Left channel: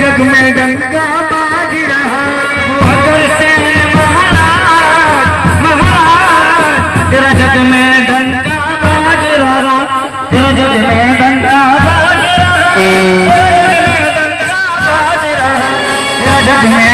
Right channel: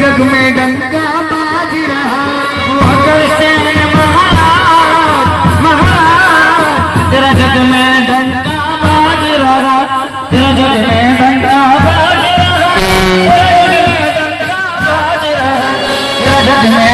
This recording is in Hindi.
जग में डंका बाज रहा अगर से महाराज तेरा जग में डंका बाज रहा तेरा जग में डंका बाज रहा तेरा जग में